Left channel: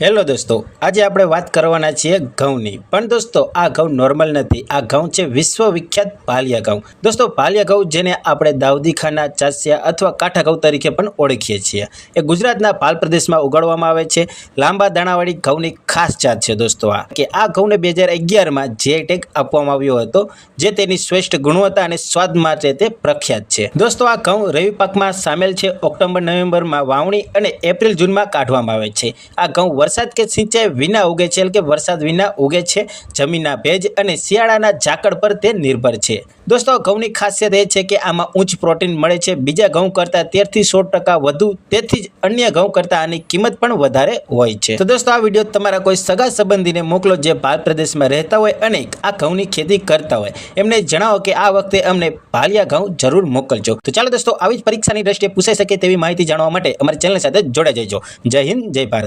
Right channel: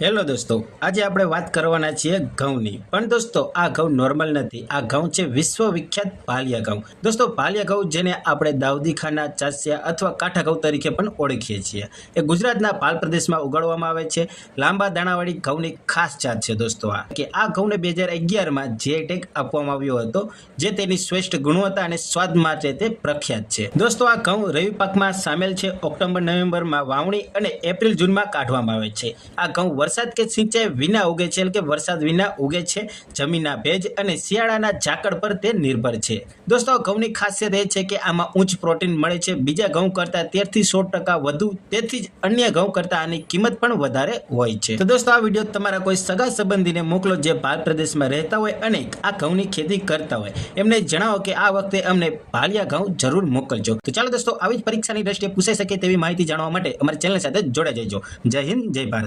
Hello દોસ્તો, આજે આપણે વાત કરવાના છીએ ઘઉંની. પણ દોસ્તો, આ ઘઉં નોર્મલ નથી. આ ઘઉં છે વિશ્વ વિખ્યાત ભાલિયા ઘઉં. દોસ્તો ભાલિયા ઘઉં જેને આપણે દાઉદીખાના, ચાસિયા અથવા કાંઠા ઘઉં તરીકે પણ ઓળખીએ છીએ. એ ગુજરાતના પાલ પ્રદેશમાં ઉગાડવામાં આવે છે. લાંબા દાણાવાળી ઘઉંની ખાસ જાત છે દોસ્તો આ. કે આ ઘઉંને બે હજાર અગિયારમાં જે ટેગ આપવામાં આવ્યો હતો, જે તેની શ્રેષ્ઠ ગુણવત્તા અને સ્વાદ માટે તે પ્રખ્યાત છે. દોસ્તો, આ ઘઉં રવિ પાકમાં સામેલ છે. ઓક્ટોબર, નવેમ્બરમાં વાવણી અને એપ્રિલ, જૂનમાં કાઢવામાં આવે છે. આ ઘઉં વરસાદ કે સિંચાઈ વિના ઉગે છે, એટલે કે વરસાદ વિના ઉગે છે, જમીનના ભેજ અને શિયાળાના ઝાકળ પર તે નિર્ભર છે. દોસ્તો, ઘઉંની ખાસિયત એ છે કે આમાં ઉચ્ચ પ્રોટીન મળે છે. બીજા ઘઉં કરતાં તેરથી સો ટકા વધુ, તેથી જ અન્ય ઘઉં કરતાં આની કિંમત પણ વધારે હોય છે. તો દોસ્તો, આ વીડિયો તમારા કોઈ સગા સંબંધીને મોકલો જે ભાલ પ્રદેશમાં રહેતા હોય અને આ ઘઉંની ખેતી કરતા હોય. એમને જણાવો કે આ વખતે અમને ભાલિયા ઘઉં જરૂર મોકલજો. તો ચાલો દોસ્તો, આવી જ પરીક્ષાની દ્રષ્ટિએ પૂછાઈ શકે તેવી માહિતી જાણવા માટે અમારી ચેનલ સાથે જોડાઈ જજો. જય હિન્દ, જય ભારત.